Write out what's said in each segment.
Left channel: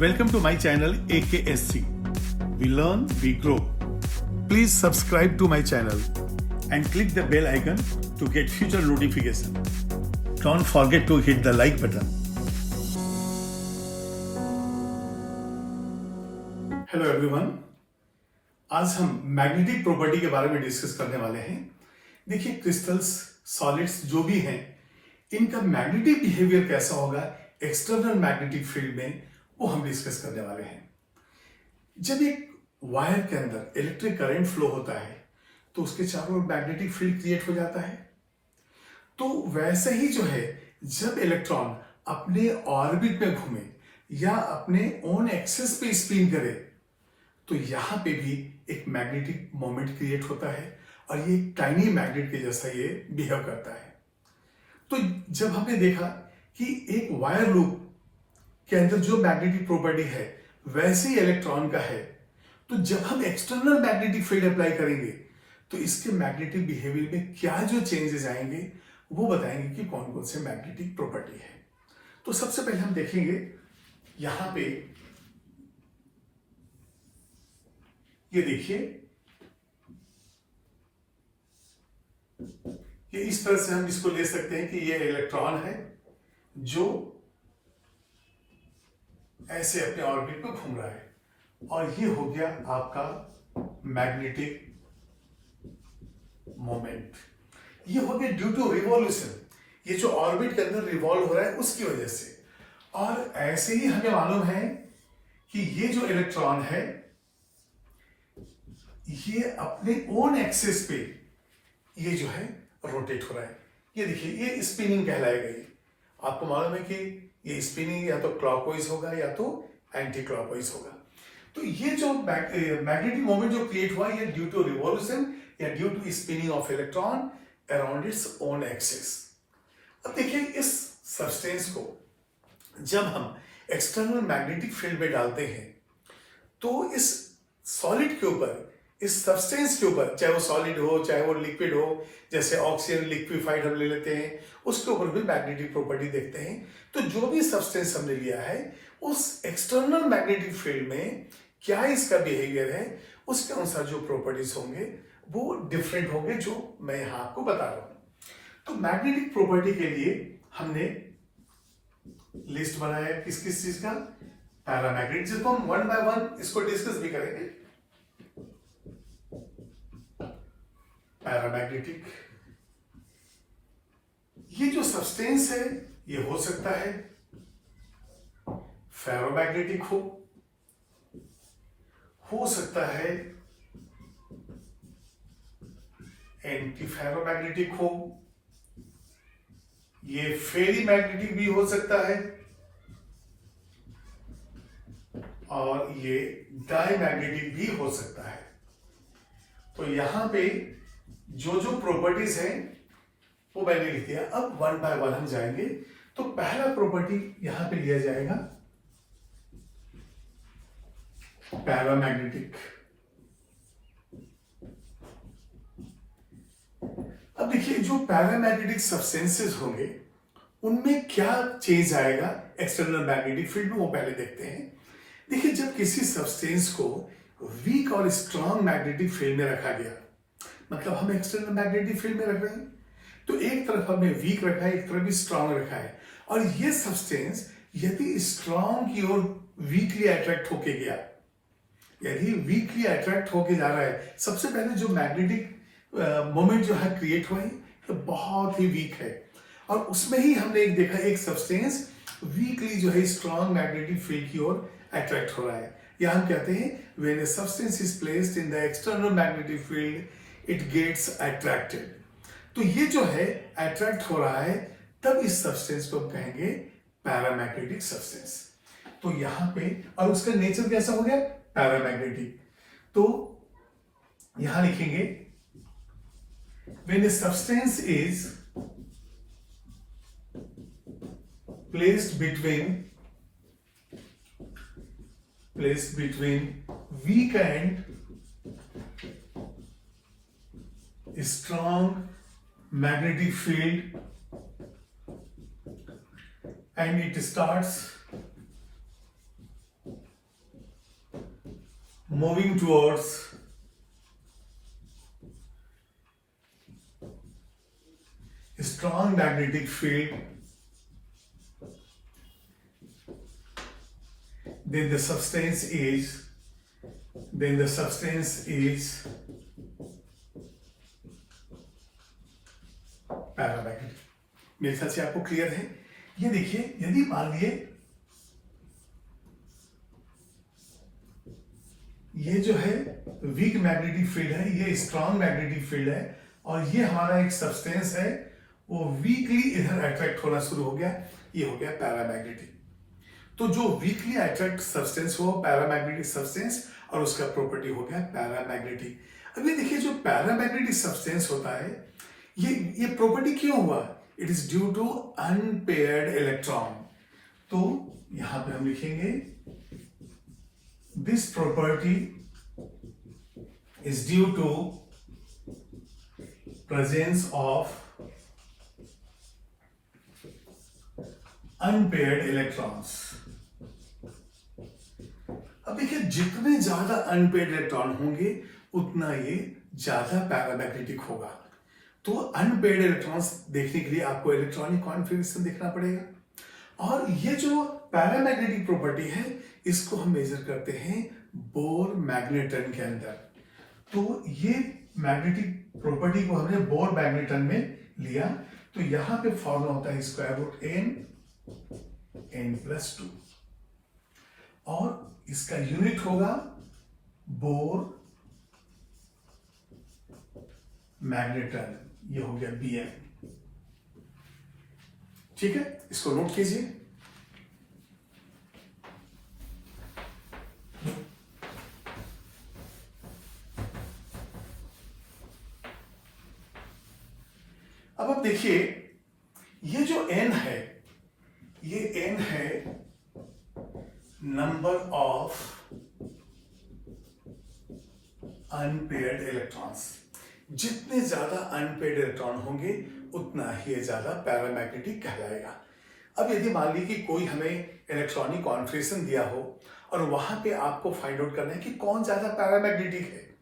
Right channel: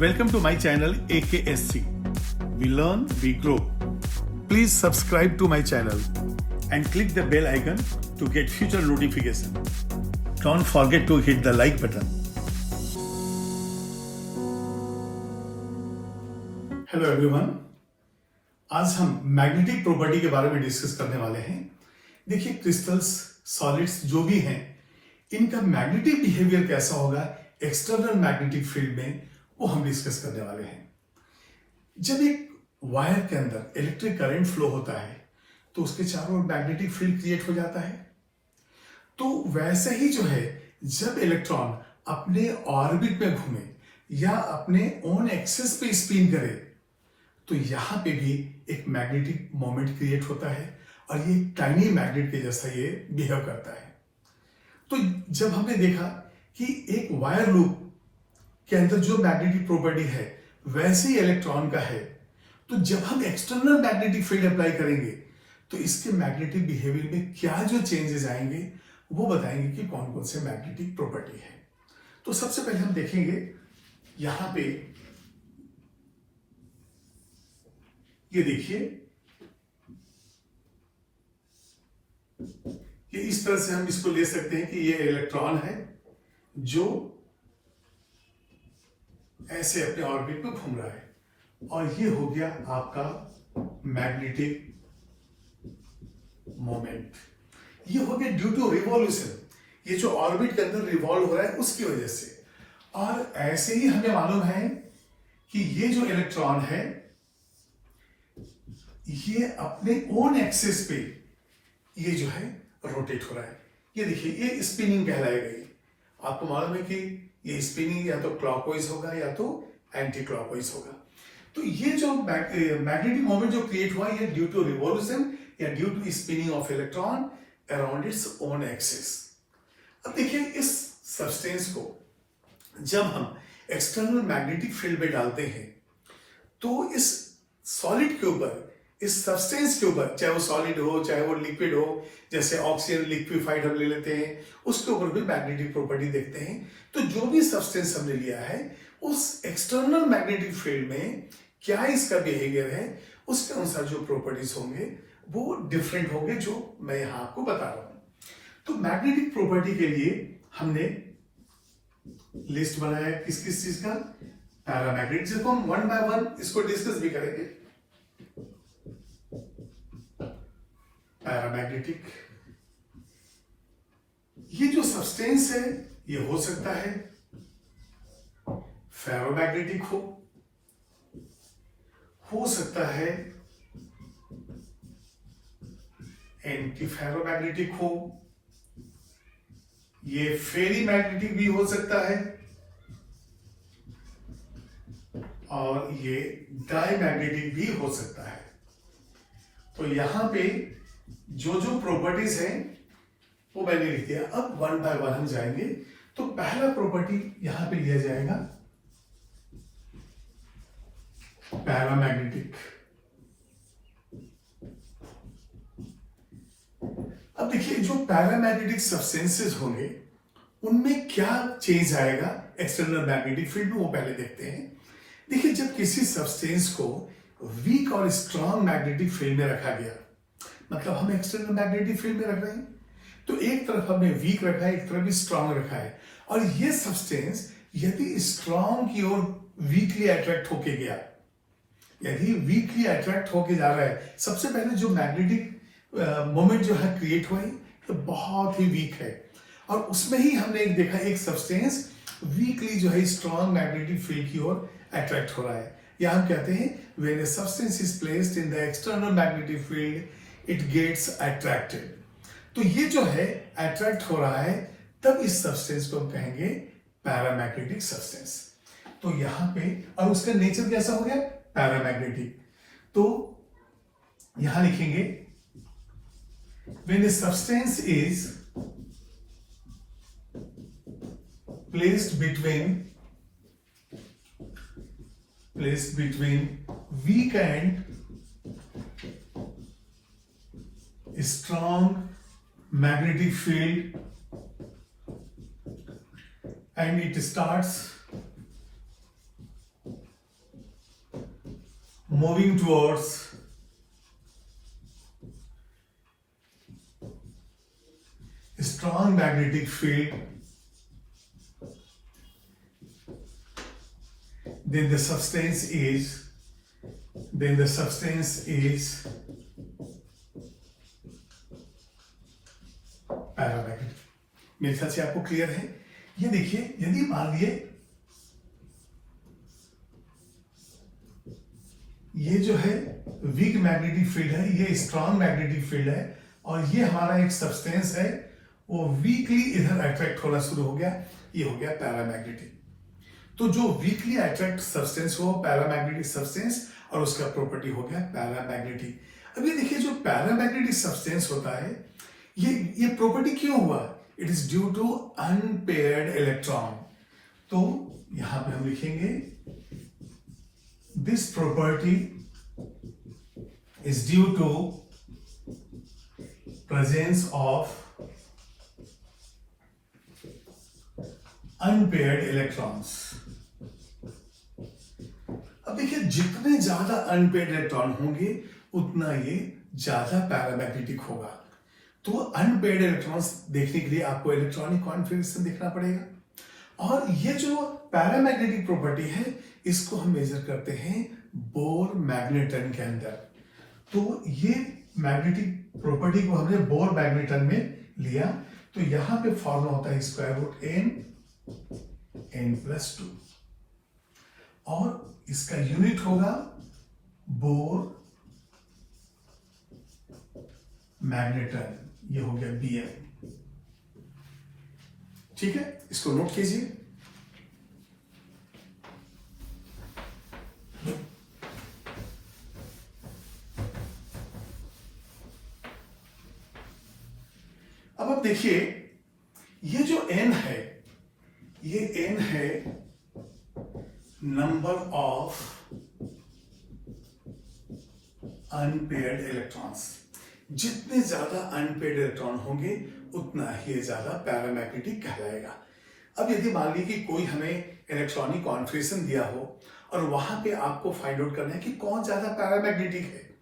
Welcome to my channel AKSC. We learn, we grow. Please subscribe to my channel and click the bell icon to get future notification. Don't forget to hit the like button. Hello everyone. आज हम magnetic property के बारे में discuss करने वाले हैं। देखिए crystals, solids जो भी हैं, इनका मैग्नेटिक बिहेवियर कैसा होगा एक्सटर्नल मैग्नेटिक फील्ड में, वो हम डिस्कस करने वाले हैं। जब एक वायर के अंदर इलेक्ट्रिक करंट फ्लो होता है तो उसके चारों ओर मैग्नेटिक फील्ड क्रिएट हो जाता है। तो वैसे ही जो है, जब इलेक्ट्रॉन अपने ऑर्बिट में घूमे या अपने ओन एक्सिस पे स्पिन करे तो यहां पे भी एक मैग्नेटिक मोमेंट क्रिएट होता है और ये टाइनी मैग्नेट के जैसा ये बिहेव करता है। तो जब हमने देखा कि एक वायर लूप के अंदर जो मैग्नेटिक प्रॉपर्टी है वैसे ही इलेक्ट्रॉन का है, तो जब हम एक्सटर्नल मैग्नेटिक फील्ड अप्लाई करेंगे तो इसके मैग्नेटिक बिहेवियर में क्या जो चेंजेस आएंगे वो बताएंगे कि कौन कौन से मैग्नेटिक प्रॉपर्टी है। तो सबसे पहले हम देखेंगे यहां पे, ये देखिए, ये इस तरह से हम इसको ले सकते हैं कि ये इलेक्ट्रॉन है जो ऐसे अपने ऑर्बिट में घूम रहा है और ये हो गया आपका मैग्नेटिक मोमेंट। ये हो गया ड्यू टू रिवॉल्यूशन, ये जो ऑर्बिट के अंदर रिवॉल्व हो रहा है उसकी वजह से। और ऐसे ही हमें मालूम है कि ये जो इलेक्ट्रॉन है ये अपने ओन एक्सिस पे ये जो है रोटेट हो रहा है। ये देखिए, ये स्पिनिंग कहलाएगा। आपको मालूम है कि ये स्पिनिंग या तो क्लॉकवाइज होगा या तो एंटी क्लॉकवाइज होगा। तो ये जो मैग्नेटिक मोमेंट जो क्रिएट हुआ ये ड्यू टू रिवॉल्यूशन या due to spinning of electron around its own axis. अब देखिए, इस सब्सटेंस को जब हम एक्सटर्नल मैग्नेटिक फील्ड में डालते हैं तो इस सॉलिड के ऊपर, इस सब्सटेंस के ऊपर, चाहे वो सॉलिड हो चाहे वो लिक्विड हो, जैसे ऑक्सीजन लिक्विफाइड हम ले लेते हैं, उसके ऊपर भी मैग्नेटिक प्रॉपर्टी देखते हैं। तो जो भी सब्सटेंस हमने लिया है उस एक्सटर्नल मैग्नेटिक फील्ड में क्या इसका बिहेवियर है, उसके अनुसार जो प्रॉपर्टीज होंगे वो डिफरेंट होंगे, जो मैं यहां आपको बता रहा हूं। तो मैग्नेटिक प्रॉपर्टी के लिए हमने लिस्ट बनाया किस किस चीज का, पैरामैग्नेटिक, जिसको हम वन बाय वन इसको डिस्कस भी करेंगे। पैरामैग्नेटिक, ये जो सब्सटेंस है ये हो सकता है फेरोमैग्नेटिक हो सकता है एंटी फेरोमैग्नेटिक हो, ये फेरी मैग्नेटिक भी हो सकता है और ये डायमैग्नेटिक भी हो सकता है। तो यहां पे जो जो प्रॉपर्टीज हैं वो मैंने लिख दिया। अब वन बाय वन हम जाएंगे। तो पहला प्रॉपर्टी यहां पे लिया जाएगा पैरामैग्नेटिक। अब देखिए, जो पैरामैग्नेटिक सब्सटेंसेस होंगे उनमें क्या चेंज आएगा एक्सटर्नल मैग्नेटिक फील्ड में, वो पहले देखते हैं। देखिए, जब किसी सब्सटेंस को वीक और स्ट्रांग मैग्नेटिक फील्ड में रखा गया, मतलब हम एक्सटर्नल मैग्नेटिक फील्ड में रख रहे हैं, तो एक तरफ हमने वीक रखा है, एक तरफ भी स्ट्रांग रखा है। और ये सब्सटेंस यदि स्ट्रांग की ओर वीकली अट्रैक्ट होके गया, यदि वीकली अट्रैक्ट होके जा रहा है, सबसे पहले जो मैग्नेटिक मोमेंट जो है क्रिएट हुआ है ये बहुत ही वीक है। और उसमें ही हमने एक देखा, एक सब्सटेंस वीकली जो है स्ट्रांग मैग्नेटिक फील्ड की ओर अट्रैक्ट हो रहा है। या हम कहते हैं when a substance is placed in the external magnetic field it gets attracted. तो ये जो है अट्रैक्ट हो रहा है, तब इस सब्सटेंस को हम कहेंगे पैरामैग्नेटिक सब्सटेंस। तो यहां पे, और उसका नेचर कैसा हो गया, पैरामैग्नेटिक। तो यहां लिखेंगे when a substance is placed between weak and strong magnetic field and it starts moving towards a strong magnetic field, then the substance is paramagnetic. मेरे ख्याल से आपको क्लियर है। ये देखिए, यदि मान लिए ये जो है वीक मैग्नेटिक फील्ड है, ये स्ट्रॉन्ग मैग्नेटिक फील्ड है, और ये हमारा एक सब्सटेंस है, वो वीकली इधर अट्रैक्ट होना शुरू हो गया, ये हो गया पैरामैग्नेटिक। तो जो वीकली अट्रैक्ट सब्सटेंस हो पैरामैग्नेटिक सब्सटेंस, और उसका प्रॉपर्टी हो गया पैरामैग्नेटिक। अब ये देखिए, जो पैरामैग्नेटिक सब्सटेंस होता है, ये प्रॉपर्टी क्यों हुआ? It is due to unpaired electron. तो यहां पे हम लिखेंगे this property is due to presence of unpaired electrons. अब देखिए, जितने ज्यादा अनपेयर्ड इलेक्ट्रॉन होंगे उतना ये ज्यादा पैरामैग्नेटिक होगा। तो अनपेयर्ड इलेक्ट्रॉन्स देखने के लिए आपको इलेक्ट्रॉनिक कॉन्फिगरेशन देखना पड़ेगा, और ये जो पैरामैग्नेटिक प्रॉपर्टी है, इसको हम मेजर करते हैं बोर मैग्नेटन के अंदर। तो ये मैग्नेटिक प्रॉपर्टी को हमने बोर मैग्नेटन में लिया, तो यहां पे फॉर्मूला होता है स्क्वायर रूट n+2, और इसका यूनिट होगा बोर मैग्नेटन, ये हो गया Bm। ठीक है, इसको नोट कीजिए। अब आप देखिए, ये जो n है, ये n है नंबर ऑफ अनपेयर्ड इलेक्ट्रॉन्स। जितने ज्यादा अनपेयर्ड इलेक्ट्रॉन होंगे उतना ही ज्यादा पैरामैग्नेटिक कहलाएगा। अब यदि मान लीजिए कि कोई हमें इलेक्ट्रॉनिक कॉन्फिगरेशन दिया हो, और वहां पे आपको फाइंड आउट करना है कि कौन ज्यादा पैरामैग्नेटिक है,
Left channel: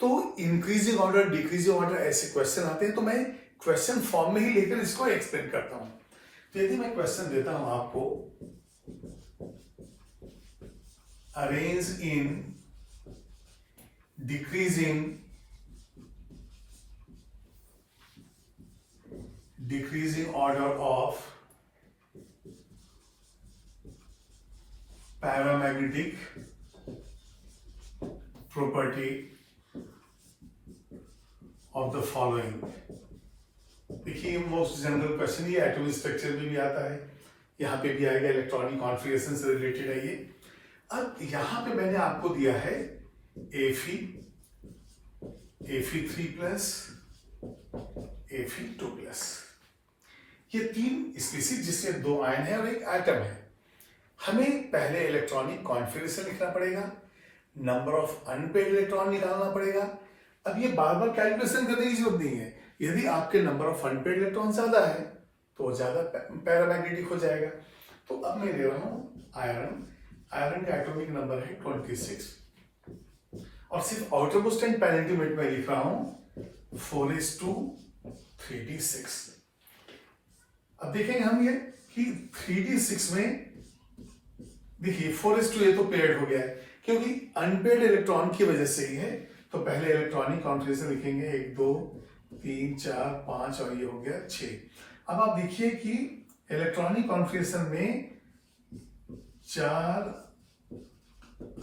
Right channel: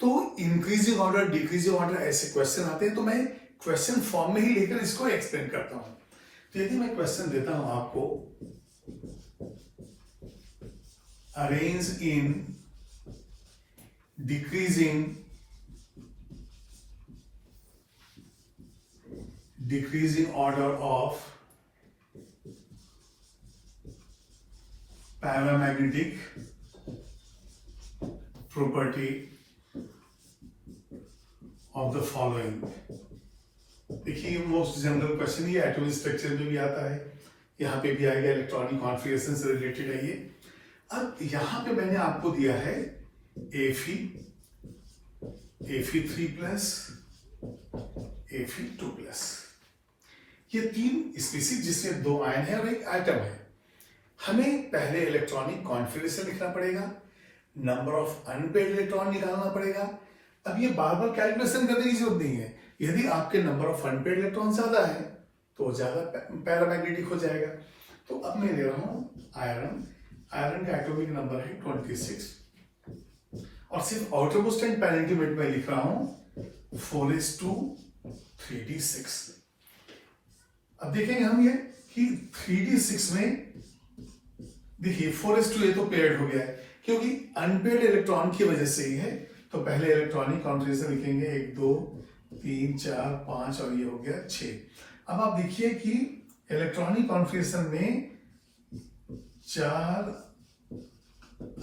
तो इंक्रीजिंग ऑर्डर, डिक्रीजिंग ऑर्डर ऐसे क्वेश्चन आते हैं। तो मैं क्वेश्चन फॉर्म में ही लेकर इसको एक्सप्लेन करता हूं। तो यदि मैं क्वेश्चन देता हूं आपको, arrange in decreasing order of paramagnetic property of the following। देखिए, मोस्ट जनरल क्वेश्चन ये एटॉमिक स्ट्रक्चर में भी आता है, यहां पे भी आएगा, इलेक्ट्रॉनिक कॉन्फिगरेशन से रिलेटेड है ये। अब यहां पे मैंने आपको दिया है Fe3+, Fe2+, ये तीन स्पीसीज जिसमें दो आयन है और एक एटम है। हमें पहले इलेक्ट्रॉनिक कॉन्फिगरेशन लिखना पड़ेगा, नंबर ऑफ अनपेयर्ड इलेक्ट्रॉन निकालना पड़ेगा। अब ये बार बार कैलकुलेशन करने की जरूरत नहीं है। यदि आपके नंबर ऑफ अनपेयर्ड इलेक्ट्रॉन ज्यादा है तो ज्यादा पैरामैग्नेटिक हो जाएगा। तो अब मैं ले रहा हूं आयरन का एटॉमिक नंबर है 26, और सिर्फ आउटरमोस्ट एंड पेरेंटिमेट में लिख रहा हूं 4:3d6। अब देखेंगे हम ये कि 3d6 में देखिए 4:2 ये तो पेयर्ड हो गया है, क्योंकि अनपेयर्ड इलेक्ट्रॉन की वजह से ही है। तो पहले इलेक्ट्रॉनिक कॉन्फिगरेशन लिखेंगे 1 2 3 4 5, और ये हो गया 6। अब आप देखिए कि इलेक्ट्रॉनिक कॉन्फिगरेशन में 4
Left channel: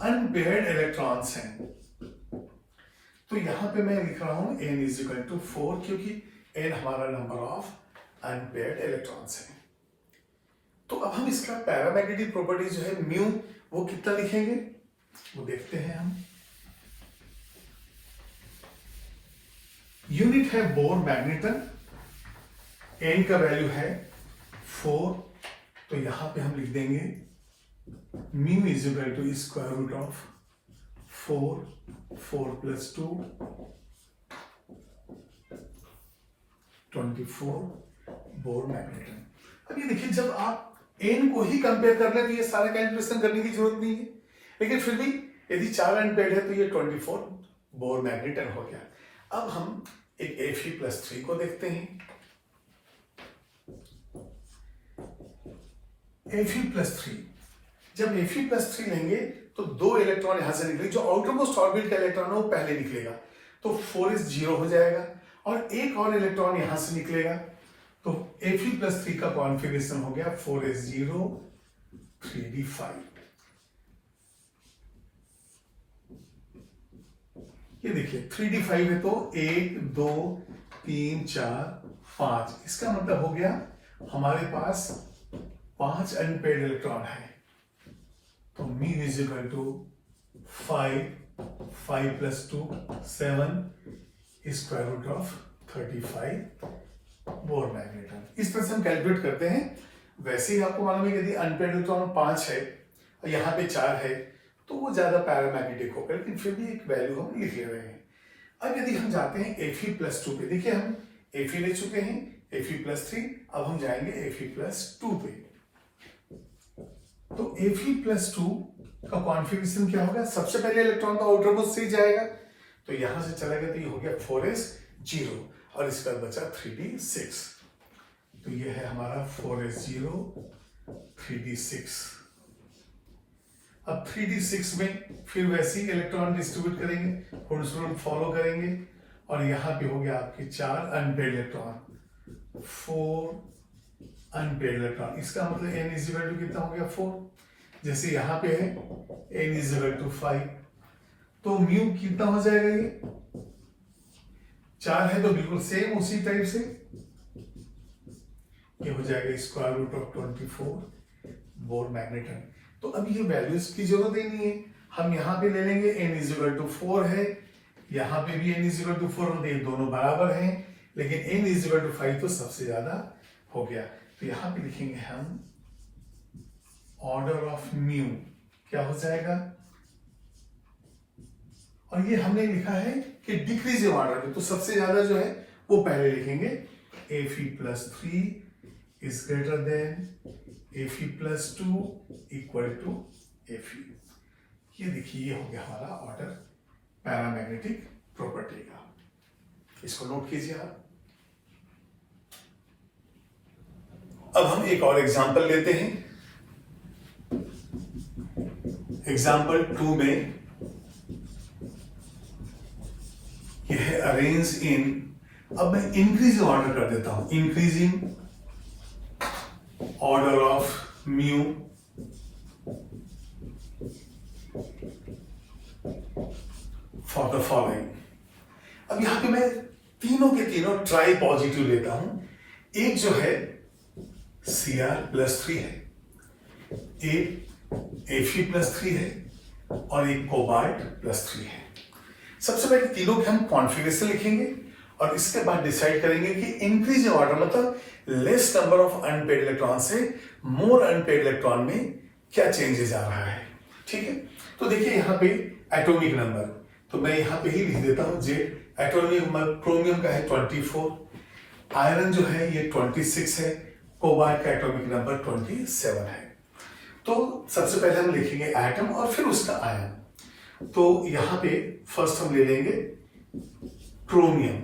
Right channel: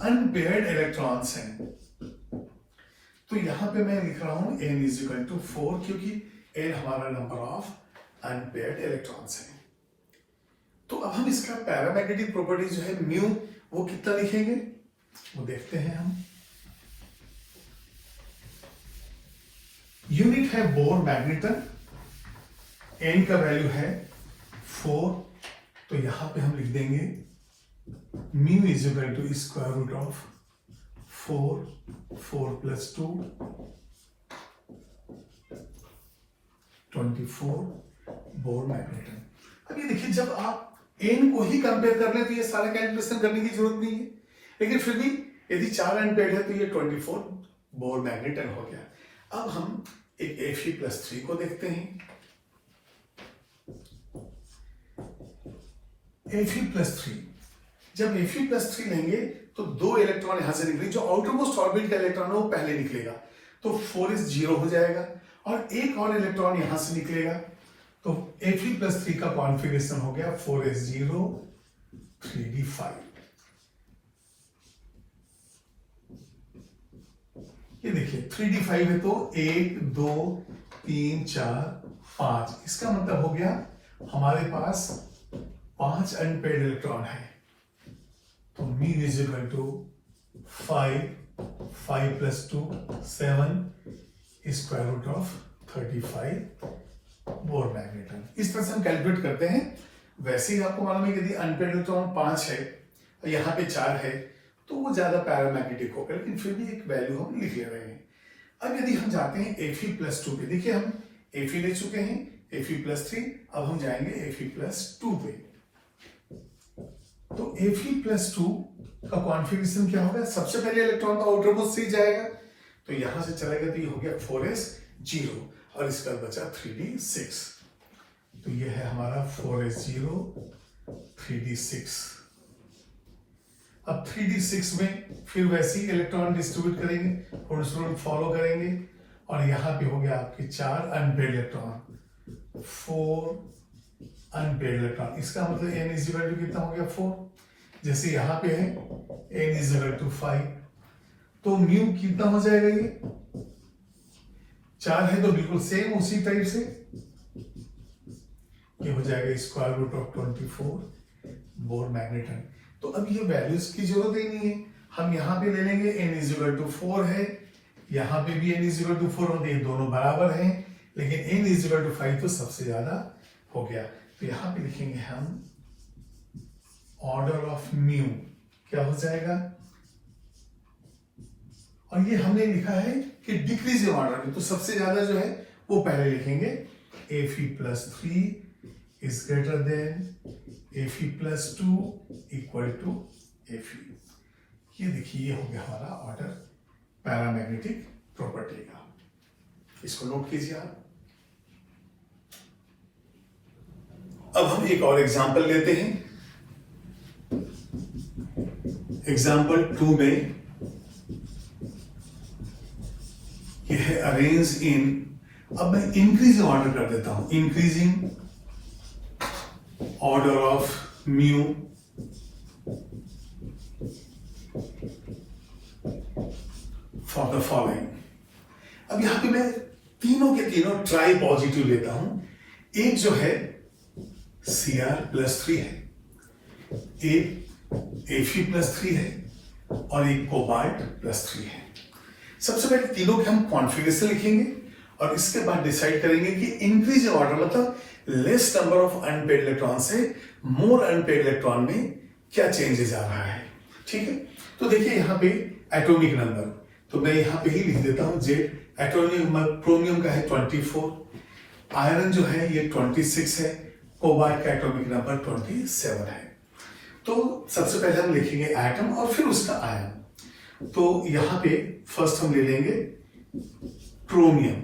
अनपेयर्ड इलेक्ट्रॉन्स हैं। तो यहां पे मैं लिख रहा हूं n=4, क्योंकि n हमारा नंबर ऑफ अनपेयर्ड इलेक्ट्रॉन्स है। तो अब हम इसका पैरामैग्नेटिक प्रॉपर्टी जो है म्यू, वो कितना लिखेंगे वो देखते हैं हम। यूनिट है बोर मैग्नेटन, n का वैल्यू है 4, तो यहां पे हम लिख देंगे म्यू = 4 + 2 24 बोर मैग्नेटन। अब ये देखिए, जब आप n को ही कंपेयर कर लें तो ये सारे कैलकुलेशन करने की जरूरत नहीं है, लेकिन फिर भी यदि 4 अनपेड है तो ये 24 बोर मैग्नेटन हो गया। अब हम एक Fe+3 को देखते हैं। Fe+3, जब Fe+3 लेंगे तो 2 इलेक्ट्रॉन यहां से निकलेंगे, जो आउटरमोस्ट ऑर्बिट का इलेक्ट्रॉन है वो पहले निकलेगा, तो 4s0 हो जाएगा, और एक और इलेक्ट्रॉन यहां से निकलेगा, तो Fe+3 का कॉन्फ़िगरेशन हो गया 4s0 3d5। ये देखिए 3d5 है तो 1 2 3 4 5, इसका मतलब हो गया हमारे पास 5 अनपेड इलेक्ट्रॉन है, तो μ is equal to 5 plus 2 7 square root of 35 Bohr magneton. इस तरह से हम कैलकुलेट करते हैं। वैसे ही आपको मालूम है कि यदि अनपेड इलेक्ट्रॉन 5 है और यहाँ पे 4 है तो वो ज्यादा पैरामैग्नेटिक होगा, लेकिन फिर भी एक वैल्यू हम लिख ले रहे हैं। अब यदि हम जाते हैं Fe+2 पे, देखिए हम Fe ले चुके हैं, Fe+3, अब हम जाएंगे Fe+2 पे। तो Fe+2 का कॉन्फ़िगरेशन क्या होगा? सबसे पहले इलेक्ट्रॉन का आउटरमोस्ट से जाएगा, तो यहां से चलेगा तो ये हो गया 4s0, और इस पर बचा 3d6, तो ये है हमारा 4s0 3d6। अब 3d6 में फिर वैसे ही इलेक्ट्रॉन डिस्ट्रीब्यूट करेंगे, हुड्स रूल फॉलो करेंगे, और यहां पे हो गया आपके 4 अनपेड इलेक्ट्रॉन, 4 अनपेड इलेक्ट्रॉन। इसका मतलब n इज इक्वल टू कितना हो गया 4, जैसे यहां पे है n इज इक्वल टू 5, तो म्यू कितना हो जाएगा? ये 4 है तो बिल्कुल सेम उसी टाइप से ये हो जाएगा square root of 24 Bohr magneton. तो अब ये वैल्यूज की जरूरत ही नहीं है, हम यहाँ पे ले लेंगे n इज इक्वल टू 4 है, यहाँ पे भी n इज इक्वल टू 4 होते हैं, दोनों बराबर हैं, लेकिन n इज इक्वल टू 5 तो सबसे ज्यादा हो गया। तो यहाँ पे लिखेंगे हम ऑर्डर ऑफ म्यू क्या हो जाएगा, और ये हमने लिखा है कि डिक्रीजिंग ऑर्डर में, तो सबसे ज्यादा जो है वो पहले लिखेंगे। Fe+3 is greater than Fe+2 equal to Fe। ये देखिए ये हो गया हमारा ऑर्डर पैरामैग्नेटिक प्रॉपर्टी का, इसको नोट कीजिए आप। अब हम एक और एग्जांपल लेते हैं। एग्जांपल 2 में यह है अरेंज इन, अब मैं इंक्रीजिंग ऑर्डर कर देता हूं, increasing order of mu for the following. अब यहां पे मैं तीनों के तीनों ट्राई पॉजिटिव लेता हूं। एक जो है Cr+3 है, एक Fe+3 है, और एक कोबाल्ट+3 है। सबसे पहले तीनों के हम कॉन्फ़िगरेशन लिखेंगे, और इसके बाद डिसाइड करेंगे कि इंक्रीज ऑर्डर मतलब less number of unpaired electron से मोर अनपेड इलेक्ट्रॉन में क्या चेंजेस आ रहा है। ठीक है, तो देखिए यहाँ पे एटॉमिक नंबर, तो मैं यहाँ पे ही लिख देता हूँ जे। एटॉमिक नंबर क्रोमियम का है 24, आयरन जो है ये 26 है, कोबाल्ट का एटॉमिक नंबर 27 है। तो सबसे पहले हम लिखेंगे एटम और फिर उसका आयन। तो यहां पे फर्स्ट हम ले लेंगे क्रोमियम।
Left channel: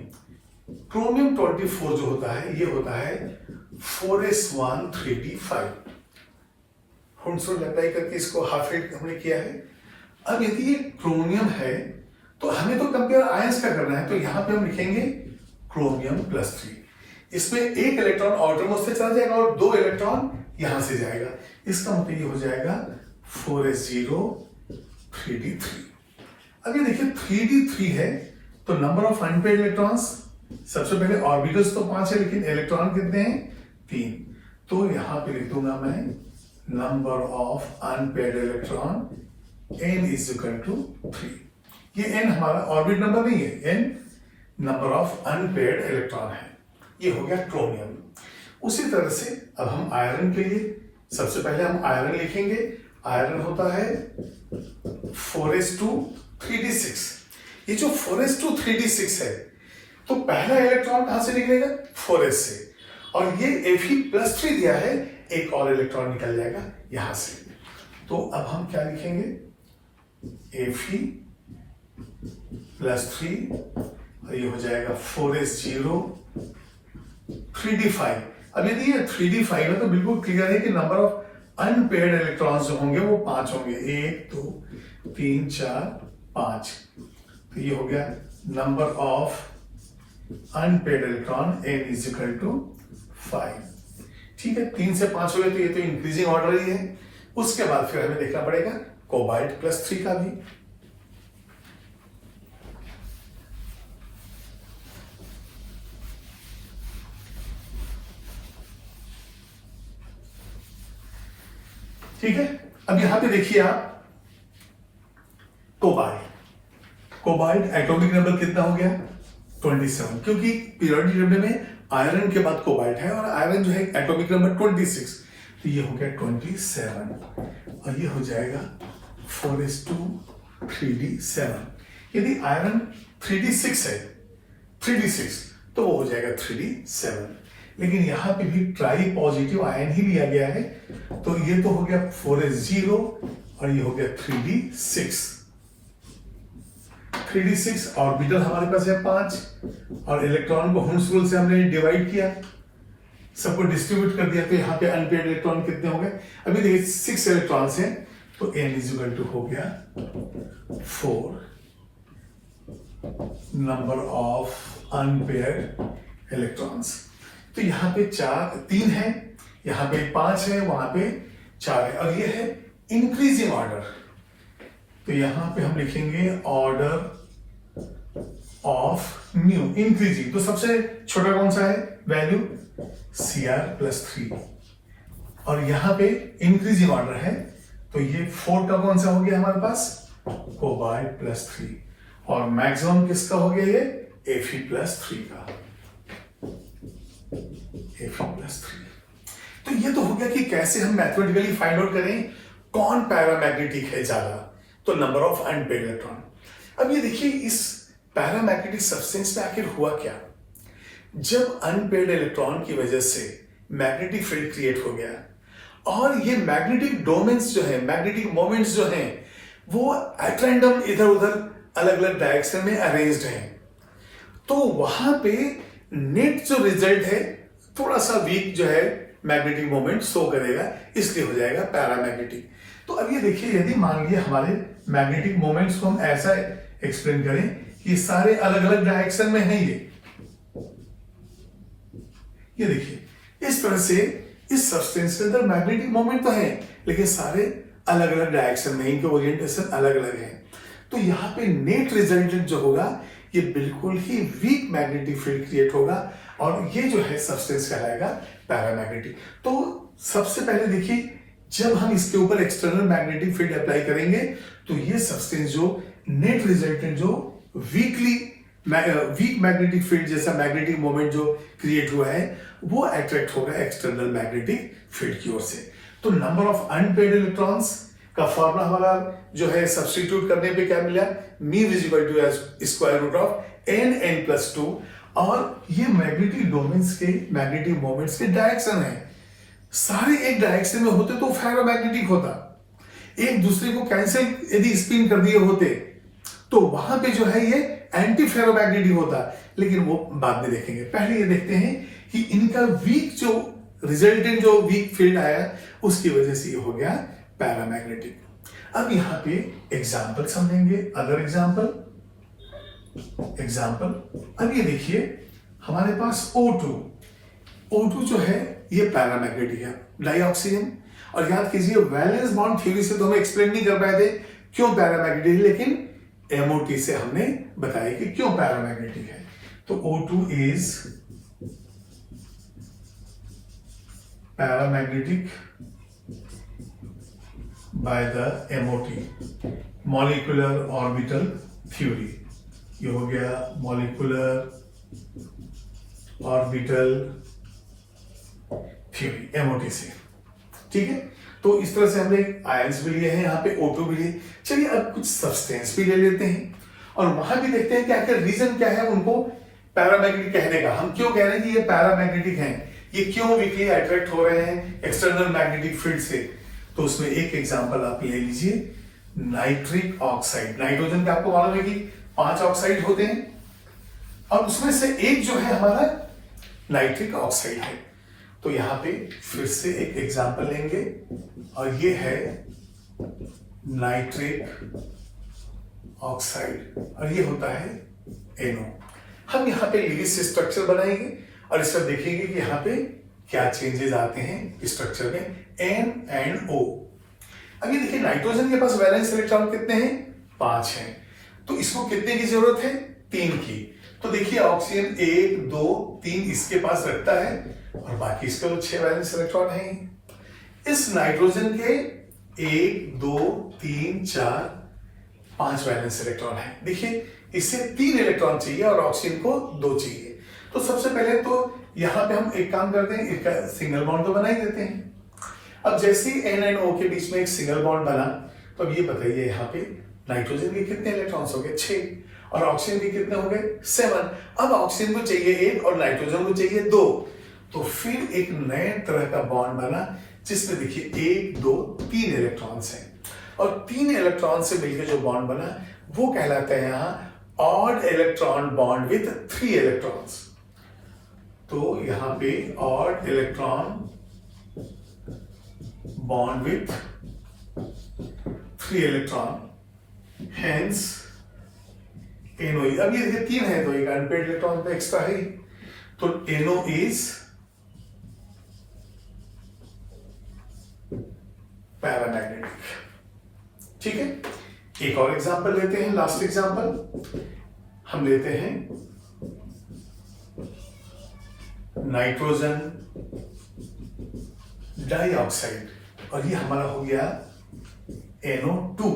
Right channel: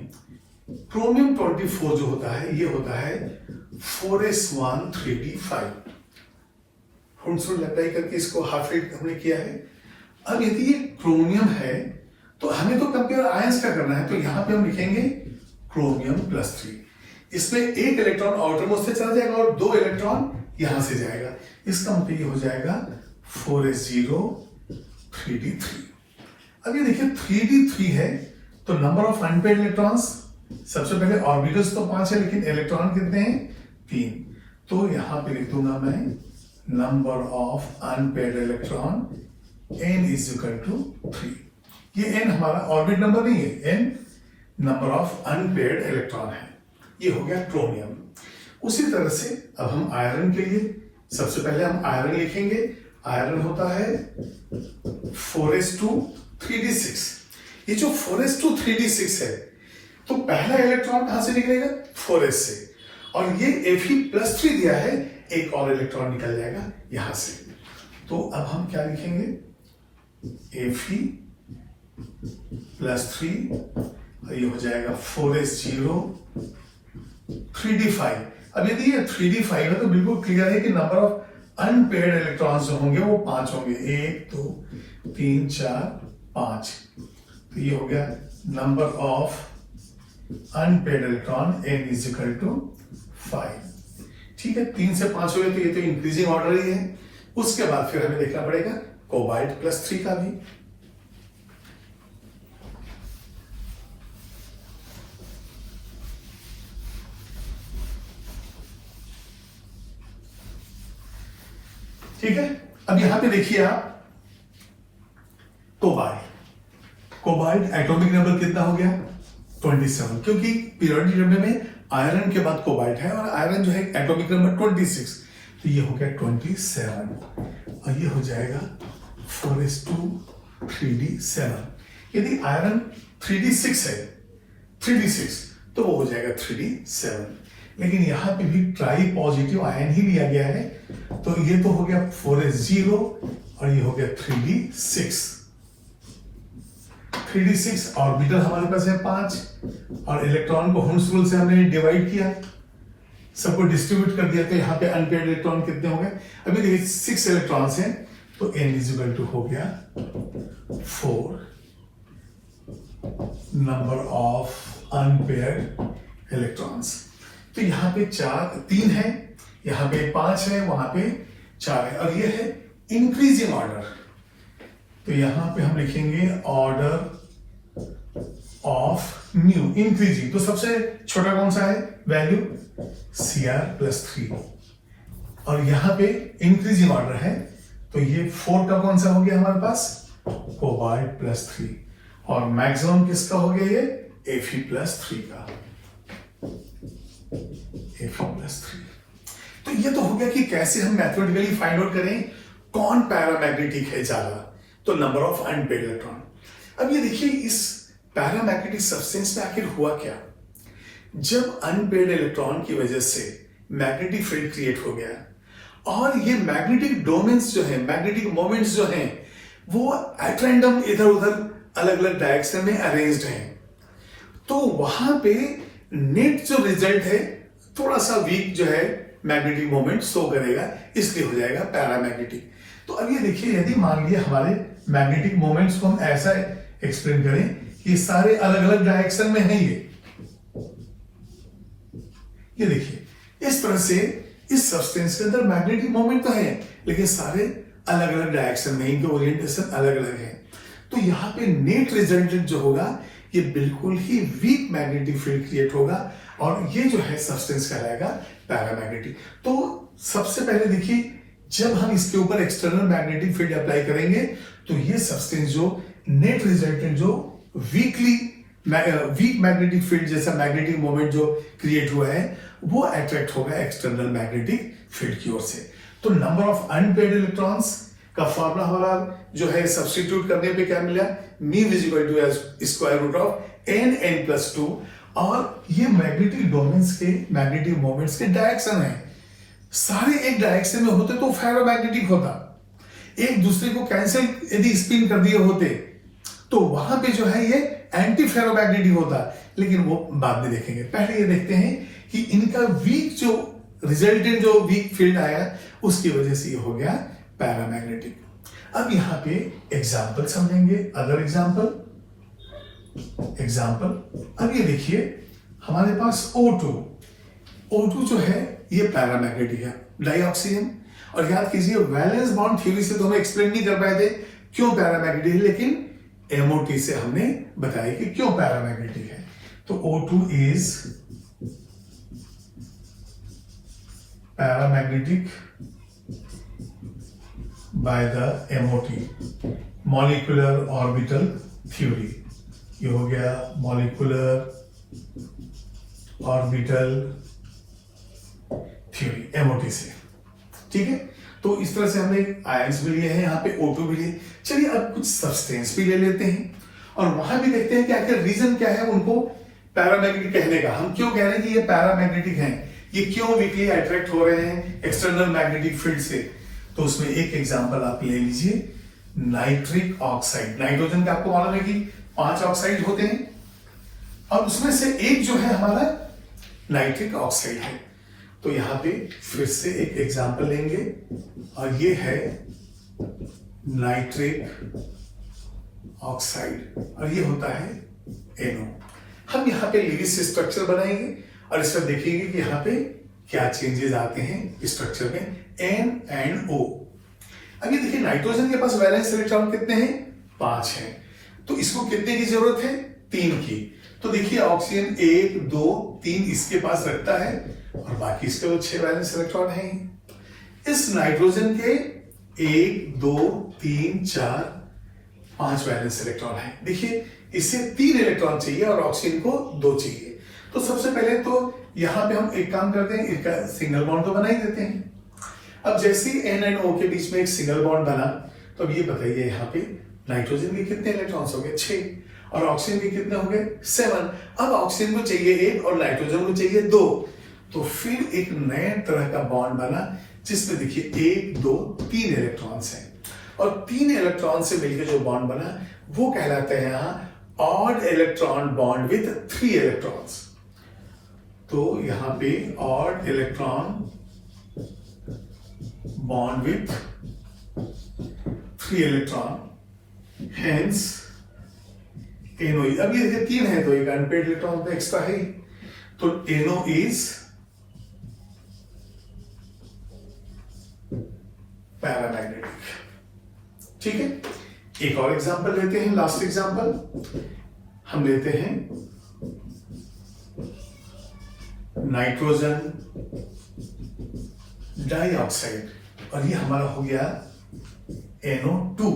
क्रोमियम 24 जो होता है ये होता है 4s1 3d5। हुड्स-रूल अप्लाई करके इसको हाफ रेट हमने किया है। अब यदि ये क्रोमियम है तो हमें तो कंपेयर आयंस का करना है, तो यहां पे हम लिखेंगे क्रोमियम+3। इसमें एक इलेक्ट्रॉन आउटरमोस्ट से चला जाएगा और 2 इलेक्ट्रॉन यहां से जाएगा, इसका मतलब ये हो जाएगा 4s0 3d3। अब ये देखिए 3d3 है तो नंबर ऑफ अनपेड इलेक्ट्रॉन्स, सबसे पहले ऑर्बिटल्स तो 5 है लेकिन इलेक्ट्रॉन कितने हैं 3, तो यहां पे लिख दूंगा मैं number of unpaired electron n is equal to 3। ये n हमारा ऑर्बिट नंबर नहीं है, n number of unpaired electron है। ये हो गया क्रोमियम। उसी तरह से अब हम आयरन के लिए सबसे पहले हम आयरन लिखेंगे। आयरन होता है 4s2 3d6। ये जो 4s2 3d6 है तो पहला इलेक्ट्रॉन कहां से निकलेगा 4s से, और ये Fe+3 दिया है, एक और इलेक्ट्रॉन निकल जाएगा यहां से। तो अब हम क्या लिखेंगे Fe प्लस 3 और ये हो जाएगा 4s0 3d5। अब यदि ये 3d5 है तो बिल्कुल क्लियर है कि नंबर ऑफ अनपेयर्ड इलेक्ट्रॉन्स जो होंगे वो 5 होंगे, 1 2 3 4 5। तो ये हो गया number of unpaired electron n is equal to 5। ठीक है, 3 से 5 हो गए तो ये तो इंक्रीजिंग ऑर्डर ही है। उसके बाद फिर हमें देखना पड़ेगा कोबाल्ट प्लस 3 का भी। ठीक है, अब यहां पे देखिए आप कोबाल्ट एटॉमिक नंबर कितना हो गया 27, क्योंकि पीरियोडिक टेबल में आयरन के बाद कोबाल्ट है और आयरन जो है एटॉमिक नंबर 26, तो ये हो गया 27 और ये हो जाएगा 4s2 3d7। यदि आयरन 3d6 है 3d6 तो वो हो जाएगा 3d7, लेकिन यहां पे भी ट्राई पॉजिटिव आयन ही लिया गया है, तो ये तो हो गया 4s0 और ये हो गया 3d6। 3d6 ऑर्बिटल हमारे पास है 5 और इलेक्ट्रॉन को हुम्स रूल से हमने डिवाइड किया, सबको डिस्ट्रीब्यूट कर दिया, तो यहाँ पे अनपेयर्ड इलेक्ट्रॉन कितने हो गए? अभी देखिए 6 इलेक्ट्रॉन्स हैं, तो n इज इक्वल टू हो गया 4 नंबर ऑफ अनपेयर्ड इलेक्ट्रॉन्स। तो यहाँ पे 3 है, यहाँ पे 5 है, वहां पे 4 है और ये है इंक्रीजिंग ऑर्डर। तो यहां पे हम लिखेंगे ऑर्डर ऑफ म्यू इंक्रीजिंग, तो सबसे छोटा कौन सा है वैल्यू Cr प्लस 3 और यहां पे इंक्रीजिंग ऑर्डर है, तो ये 4 का कौन सा हो गया हमारे पास कोबाल्ट प्लस 3 और मैक्सिमम किसका हो गया ये Fe प्लस 3 का, Fe प्लस 3। तो ये तो हो गया कि कैसे हम मैथमेटिकली फाइंड आउट करें कौन पैरामैग्नेटिक है ज्यादा, तो नंबर ऑफ अनपेयर्ड इलेक्ट्रॉन। अब ये देखिए इस पैरामैग्नेटिक सब्सटेंस में आखिर हुआ क्या? जब अनपेयर्ड इलेक्ट्रॉन की वजह से मैग्नेटिक फील्ड क्रिएट हो गया और ये मैग्नेटिक डोमेन्स जो है, मैग्नेटिक मोमेंट्स जो हैं, वो एट रैंडम इधर उधर अलग अलग डायरेक्शन में अरेंज्ड हैं, तो वहां पे नेट जो रिजल्ट है थोड़ा सा वीक जो है मैग्नेटिक मोमेंट शो करेगा, इसलिए हो जाएगा पैरामैग्नेटिक। तो अब ये देखिए यदि मान लिया हमारे मैग्नेटिक मोमेंट्स को हम ऐसा एक्सप्लेन करें कि सारे अलग अलग डायरेक्शन में है, ये देखिए इस तरह से इस सब्सटेंस के अंदर मैग्नेटिक मोमेंट तो है लेकिन सारे अलग अलग डायरेक्शन में, इनके ओरिएंटेशन अलग अलग है, तो यहाँ पे नेट रिजल्टेंट जो होगा ये बिल्कुल ही वीक मैग्नेटिक फील्ड क्रिएट होगा और ये जो है सब्सटेंस कहलाएगा पैरामैग्नेटिक। तो सबसे पहले देखिए जब हम इसके ऊपर एक्सटर्नल मैग्नेटिक फील्ड अप्लाई करेंगे तो ये सब्सटेंस जो नेट रिजल्टेंट जो वीक मैग्नेटिक फील्ड जैसा मैग्नेटिक मोमेंट जो क्रिएट हुआ है वो अट्रैक्ट होगा एक्सटर्नल मैग्नेटिक फील्ड की ओर से। तो नंबर ऑफ अनपेयर्ड इलेक्ट्रॉन्स का फॉर्मूला हमारा जो है सब्स्टिट्यूट करने पे क्या मिला, mu is equal to as square root of n plus 2 और ये मैग्नेटिक डोमेन्स के मैग्नेटिक मोमेंट्स के डायरेक्शन है, सारे एक डायरेक्शन में होते तो फेरोमैग्नेटिक होता, एक दूसरे को कैंसिल यदि स्पिन कर दिए होते तो वहां पे जो है ये एंटी फेरोमैग्नेटिक होता, लेकिन वो बाद में देखेंगे। पहले ये देखते हैं कि इनका वीक जो रिजल्टेंट जो वीक फील्ड आया उसकी वजह से ये हो गया पैरामैग्नेटिक। अब यहां पे एग्जांपल समझेंगे, अदर एग्जांपल अब ये देखिए हमारे पास O2 जो है ये पैरामैग्नेटिक है, डाइऑक्सीजन। और याद कीजिए वैलेंस बॉन्ड थ्योरी से तो हम एक्सप्लेन नहीं कर पाए थे क्यों पैरामैग्नेटिक है, लेकिन MOT से हमने बताया कि क्यों पैरामैग्नेटिक है। तो O2 is paramagnetic by the MOT, molecular orbital theory. ये हो गया मॉलिक्यूलर ऑर्बिटल थ्योरी MOT से, ठीक है। तो इस तरह से हमने आयंस भी लिए हैं, यहाँ पे O2 भी लिए। चलिए अब कुछ सब्सटेंस भी ले लेते हैं और वहां भी देखते हैं कि आखिर रीजन क्या है उनको पैरामैग्नेटिक कहने का। हम क्यों कह रहे हैं कि ये पैरामैग्नेटिक हैं, ये क्यों वीकली अट्रैक्ट हो रहे हैं एक्सटर्नल मैग्नेटिक फील्ड से। तो उसमें एक एग्जांपल आप ले लीजिए, नाइट्रिक ऑक्साइड। नाइट्रोजन के आपको मालूम है कि 5 ऑक्साइड होते हैं और उसमें से एक जो है हमारा नाइट्रिक ऑक्साइड है। तो यहां पे फिर से एक एग्जांपल लेंगे और ये है नाइट्रिक ऑक्साइड और ये होता है NO। हम यहाँ पे लिविस स्ट्रक्चर बनाएंगे और इस पर देखेंगे कि यहाँ पे क्या चेंजेस आते हैं स्ट्रक्चर में N and O। अभी देखिए नाइट्रोजन के पास वैलेंस इलेक्ट्रॉन कितने हैं? 5 हैं। तो इसको कितने की जरूरत है? 3 की। तो देखिए ऑक्सीजन 1 2 3 इसके पास रखता है और बाकी इसके तो 6 वैलेंस इलेक्ट्रॉन हैं। इस नाइट्रोजन के 1 2 3 4 5 वैलेंस इलेक्ट्रॉन है। देखिए इससे 3 इलेक्ट्रॉन चाहिए और ऑक्सीजन को 2 चाहिए। तो सबसे पहले तो यहां पे हम एक काम करते हैं, एक सिंगल बॉन्ड तो बना ही देते हैं। अब जैसे ही N and O के बीच में एक सिंगल बॉन्ड बना तो अब ये बताइए यहाँ पे नाइट्रोजन के कितने इलेक्ट्रॉन्स हो गए? 6 और ऑक्सीजन के कितने हो गए? 7। अब ऑक्सीजन को चाहिए 1 और नाइट्रोजन को चाहिए 2। तो फिर एक नए तरह का बॉन्ड बना जिसमें देखिए 1 2 3 इलेक्ट्रॉन्स हैं और 3 इलेक्ट्रॉन से मिलकर जो बॉन्ड बना वो कहलाता है यहाँ odd electron bond with 3 electrons. तो यहां पे odd electron bond with 3 electron hence NO। अब ये देखिए 3 है तो एक अनपेड इलेक्ट्रॉन पे एक्स्ट्रा है तो NO इज पैरामैग्नेटिक। ठीक है, एक और एग्जांपल लेते हैं, लास्ट एग्जांपल हम लेते हैं नाइट्रोजन डाइऑक्साइड और ये हमारा हो गया NO2।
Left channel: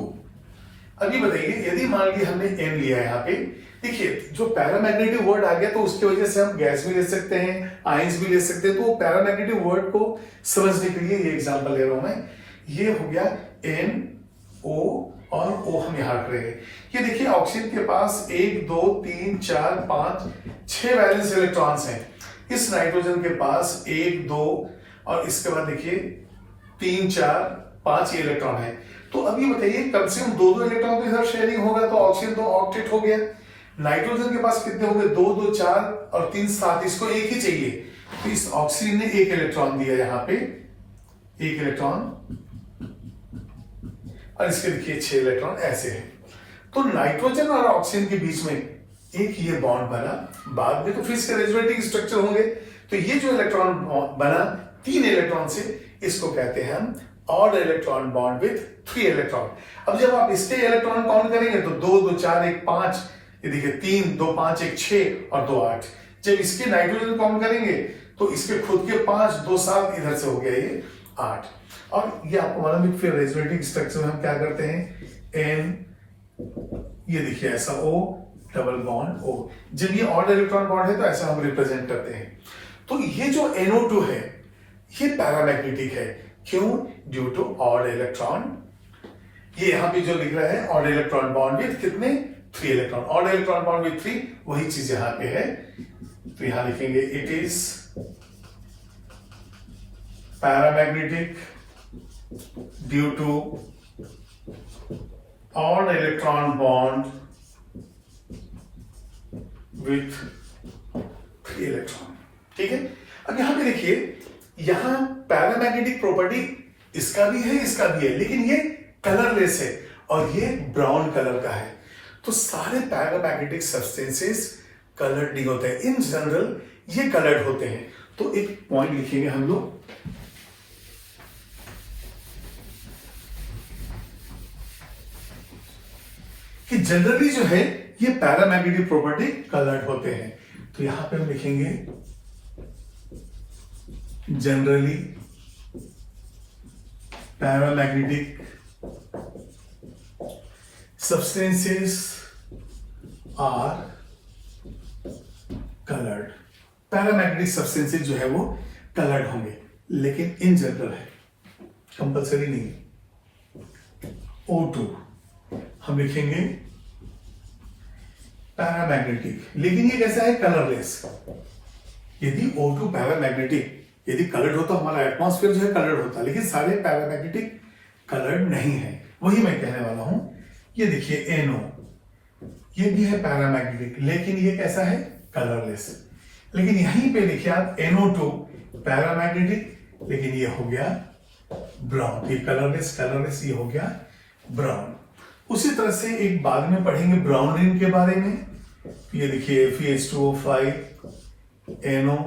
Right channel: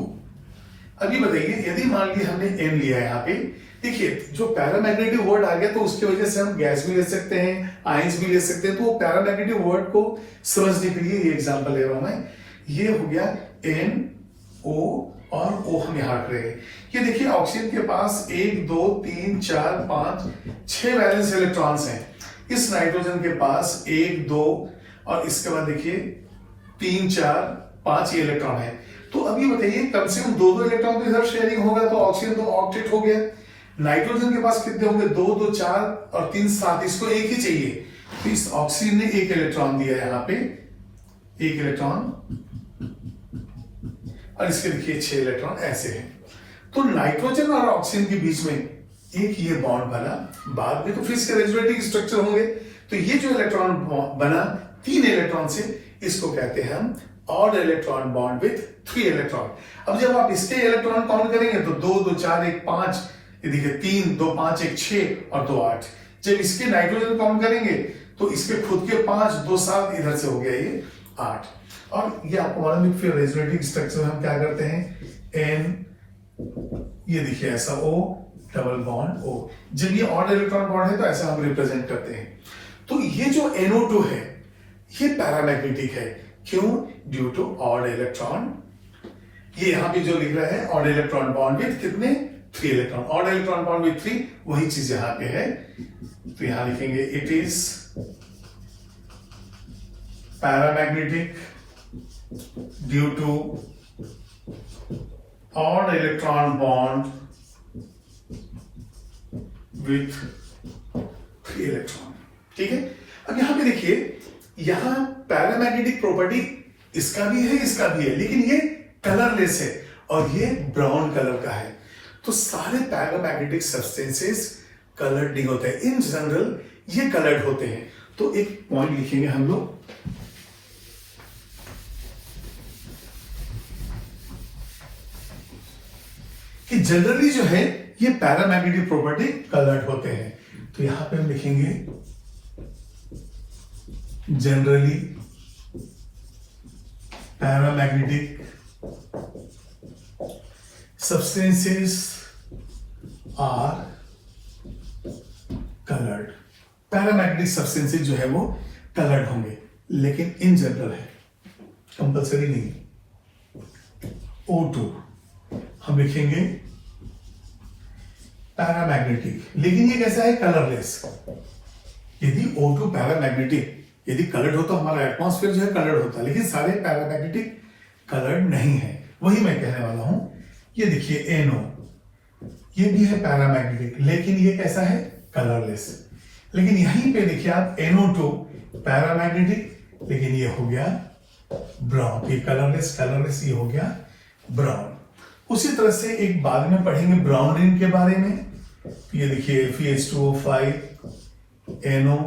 अभी बताइए यदि मान लिया हमने M लिया है यहाँ पे, देखिए जो पैरामैग्नेटिक वर्ड आ गया तो उसकी वजह से हम गैस भी ले सकते हैं, आयंस भी ले सकते हैं। तो वो पैरामैग्नेटिक वर्ड को समझने के लिए ये एग्जांपल ले रहा हूं मैं। ये हो गया NO और O हम यहां रख रहे हैं। ये देखिए ऑक्सीजन के पास 1 2 3 4 5 6 वैलेंस इलेक्ट्रॉन्स हैं। इस नाइट्रोजन के पास 1 2 और इसके बाद देखिए 3 4 5 इलेक्ट्रॉन है। तो अभी बताइए कम से कम 2 इलेक्ट्रॉन तो इधर शेयरिंग होगा तो ऑक्सीजन तो ऑक्टेट हो गया। नाइट्रोजन के पास कितने हो गए? 2 2 4 और 3 7। इसको एक ही चाहिए तो इस ऑक्सीजन ने 1 इलेक्ट्रॉन दिया यहां पे, 1 इलेक्ट्रॉन और इसके देखिए 6 इलेक्ट्रॉन ऐसे हैं। तो नाइट्रोजन और ऑक्सीजन के बीच में एक ये बॉन्ड बना, बाद में तो फिर इसके रेजोनेटिंग स्ट्रक्चर होंगे। तो ये जो इलेक्ट्रॉन बना 3 इलेक्ट्रॉन से, इसको कहते हैं हम odd electron bond with 3 electron. अब जब आप इसके इलेक्ट्रॉन काउंट करेंगे तो 2 2 4 1 5, ये देखिए 3 2 5 1 6 और 2 8। जब इसके नाइट्रोजन काउंट करेंगे तो इसके खुद के 5 2 7 इधर से हो गया ये 8। और ये आपको मालूम है फिर रेजोनेटिंग स्ट्रक्चर में हम क्या करते हैं N, ये देखिए ऐसा O डबल बॉन्ड O। जब ये ऑड इलेक्ट्रॉन बॉन्ड है तो ऐसा हम रिप्रेजेंट करते हैं। तो ये जो NO2 है ये पैरामैग्नेटिक है। क्यों? Due to odd electron. ये यहां पे जो लिख रहा है ऑड इलेक्ट्रॉन बॉन्ड विथ कितने? 3 electron. Odd electron bond with 3 वही चीज यहां पे है। तो यहां लिखेंगे it is paramagnetic due to odd electron bond with 3 electron. ठीक है, अब यहां पे देखिए यहां पैरामैग्नेटिक प्रॉपर्टी इसका भी है इसका भी है, लेकिन ये कलरलेस है और ये ब्राउन कलर का है। तो सारे पैरामैग्नेटिक सब्सटेंसेस कलर्ड नहीं होते हैं, इन जनरल ये कलर्ड होते हैं। तो एक पॉइंट लिखेंगे हम लोग कि जनरली जो है ये पैरामैग्नेटिक प्रॉपर्टी कलर्ड होते हैं। तो यहां पे हम लिखेंगे generally paramagnetic substances are colored। Paramagnetic substances जो है वो कलर्ड होंगे, लेकिन इन जनरल है, कंपल्सरी नहीं। O2 हम लिखेंगे पैरामैग्नेटिक, लेकिन ये कैसा है? कलरलेस। यदि O2 पैरामैग्नेटिक यदि कलर्ड होता, हमारा एटमॉस्फेयर जो है कलर्ड होता, लेकिन सारे पैरामैग्नेटिक कलर्ड नहीं है। वही मैं कहने वाला हूं। ये देखिए NO, ये भी है पैरामैग्नेटिक, लेकिन ये कैसा है, कलरलेस। लेकिन यहीं पे देखिए आप NO2 पैरामैग्नेटिक, लेकिन ये हो गया ब्राउन। ये कलरलेस ये हो गया ब्राउन। उसी तरह से एक बाद में पढ़ेंगे ब्राउन रिंग के बारे में। ये देखिए Fe2O5 NO,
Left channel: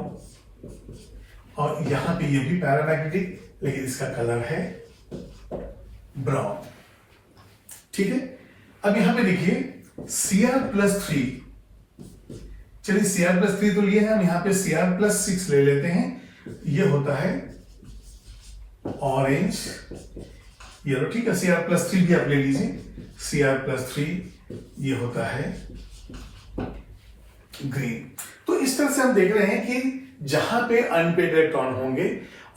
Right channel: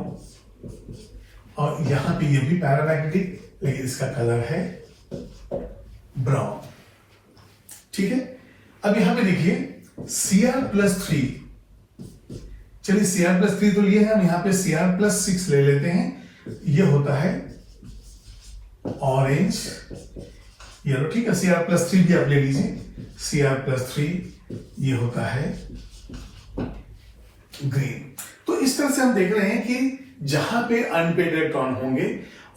और यहां पे ये भी पैरामैग्नेटिक, लेकिन इसका कलर है ब्राउन। ठीक है, अब यहां पे देखिए Cr+3, चलिए Cr+3 तो लिए हैं, हम यहां पे Cr+6 ले लेते हैं। ये होता है ऑरेंज येलो, ठीक है। Cr+3 भी आप ले लीजिए, Cr+3 ये होता है ग्रीन। तो इस तरह से हम देख रहे हैं कि जहां पे अनपेड इलेक्ट्रॉन होंगे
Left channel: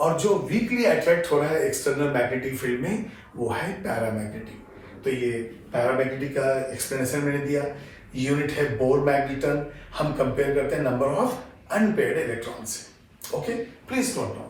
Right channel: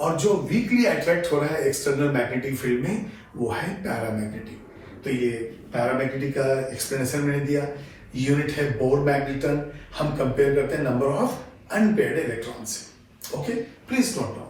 और जो वीकली अट्रैक्ट हो रहा है एक्सटर्नल मैग्नेटिक फील्ड में, वो है पैरामैग्नेटिक। तो ये पैरामैग्नेटिक का एक्सप्लेनेशन मैंने दिया। यूनिट है बोर मैग्नेटन। हम कंपेयर करते हैं नंबर ऑफ अनपेड इलेक्ट्रॉन से। Okay, please note down.